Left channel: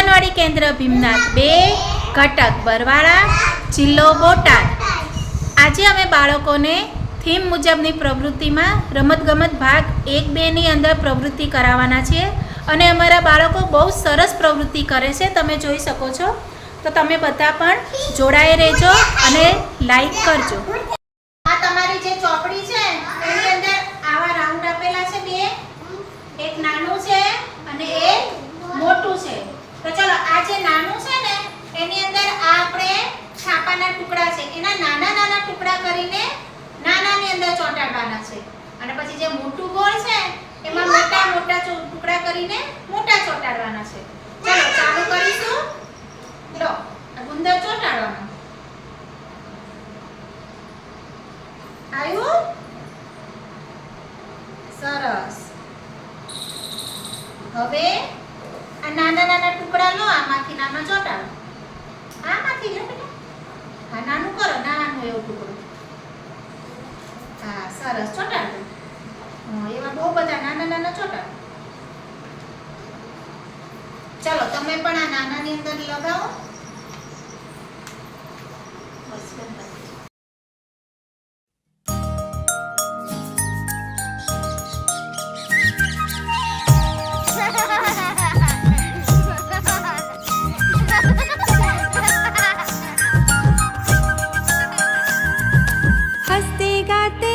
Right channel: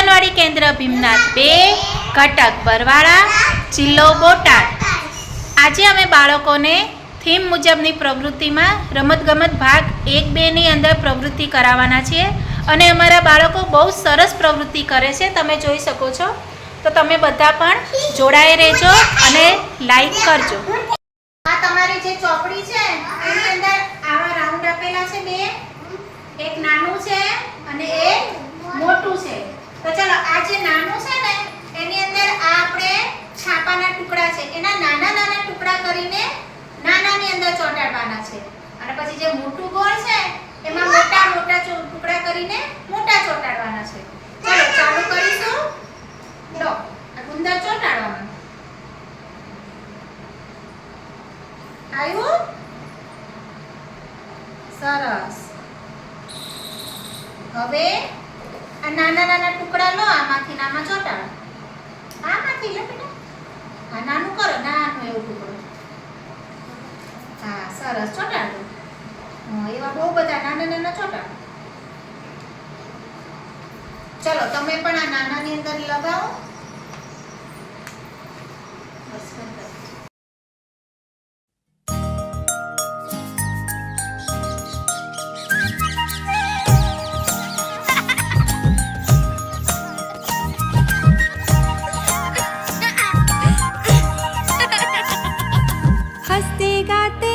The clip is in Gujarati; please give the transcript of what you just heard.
આંગણવાડી કેન્દ્ર ભીમનાથ બે, ઘટક બરવાળા, જિલ્લો બોટાદ. આજે અમે બાળકોને થીમ મુજબની પ્રવૃત્તિમાં રમતગમત ભાગ એક બેની અંદર પ્રવૃત્તિ કરાવવાના છીએ અને અમારા બાળકો બહુ સરસ પ્રવૃત્તિ કરે છે, તમે જોઈ શકો છો. તો તમે બધા પણ જોડાઈ રહેજો અને લાઈક કરજો. આ તમારી જે ચોપડી છે, એની અંદર આવા રાઉન્ડ આપેલા છે બે. એક નાનું છે અને એક મોટું છે. તો ચલો આ જે નાનું છે ને એની અંદર આ આપણે છાપાના ટુકડા છે. એના નાના નાના ટુકડા કરીને નાનાની અંદર ચોંટાડવાના છે. અને પછી જે મોટું ગોળ છે એમાં મોટા? મોટા ટુકડા કરીને મોટા ચોંટાડવાના છે. ચલો ચાલુ કરીશું. લો ગુંદર ચોંટાડવાના. આવ્યું? સરસ. હવે આ નાના નાના ટુકડા લો, આમાંથી ને આમાં ચોંટાડો. આમાંથી લે બેટા. હા નાનું કરો, નાનું એવું ટુકડો. હા, સરસ, ચોટાડો. હા, એવા બહુ બધા નાના નાના ચોટાડો. ચલો, તમે પણ આ નાનાની અંદર લગાવો. हंसते गाते हम हंसते गाते